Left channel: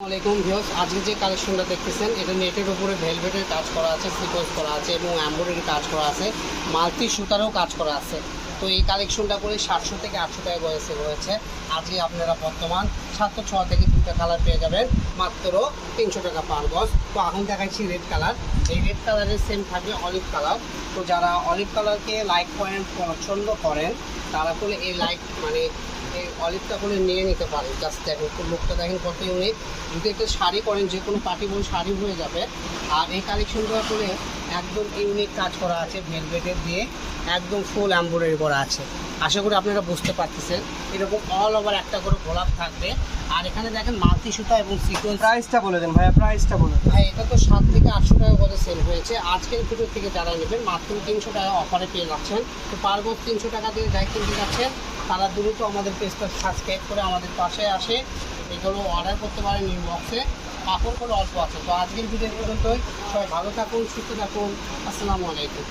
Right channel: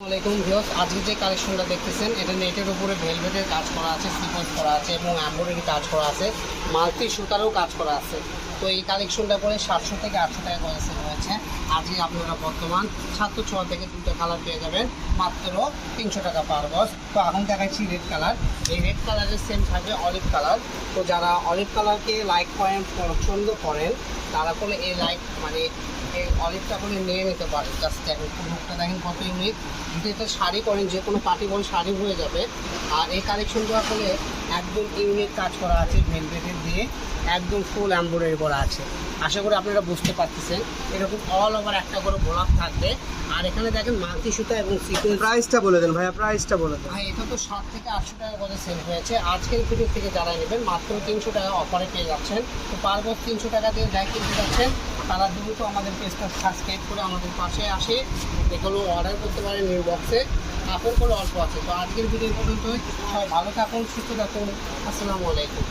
আসসালামাইকুম ভিউয়ার্স, আজকে যে কালেকশনটা দেখতেছেন এটা নেটের উপরে ভেলভেটের কাজ করা আছে, সিকোয়েন্স করা আছে এবং এমব্রয়ডারি কাজ করা আছে, মাল্টি সুতারও কাজ করা আছে। তো এই কালেকশনটা করে 700 থেকে 800 টাকা করে সেল হয়েছে। আজকে আপনারা বর্তমান 706 থেকে 2টা কালার পেয়ে যাবেন মাত্র 300 টাকা পার গজ। তো এখন দেখাচ্ছি রেড কালার। এই রেড কালারের সেম থাকবে অলিভ কালার। তো যারা অলিভ কালারকে লাইক করেন, পছন্দ করেন, তারা করে এই লাইক এই অলিভটা করে নিয়ে নিতে পারেন। জাস্ট দেখুন, লুকটা দেখেন কত ইউনিক। যদি একটা শাড়ি করেন, যে কোনো পার্টি বল শাড়ি হয়ে যাবে। আর এই কালেকশনগুলো করে একদম ইউনিক কাজ করা আছে, ভেলভেটের দিয়ে একদম ফুল এমব্রয়ডারি করা আছে। আশা করি আপনারা বুঝতে পারতেছেন। এরকম অল ওভার একটা করে গোলাপ থাকবে। আর এখানে দেখেন মাল্টি সুতা এবং সিকোয়েন্স। প্রাইসটা বলে দেন ভাইয়া, প্রাইসটা বলে দেন। ভাই এটা তো 7 থেকে 800 টাকা করে সেল হয়েছে। আজকের ভিডিও থেকে জানাই নেবেন মাত্র 300 টাকা অফারে পেয়ে যাচ্ছেন। তো পার গজ 300 টাকা দিয়ে যাই কিনতে যাচ্ছেন তারা দ্রুত আমাদের পেজটা সাবস্ক্রাইব করে আমাদের পাশে আসে এগুলো অর্ডার করতে পারেন ইনবক্সে। কাপড়গুলো অল্প আছে। তো আজকের ভিডিও পর্যন্ত সবাই ভালো থাকুন, সুস্থ থাকুন। আসসালামু আলাইকুম।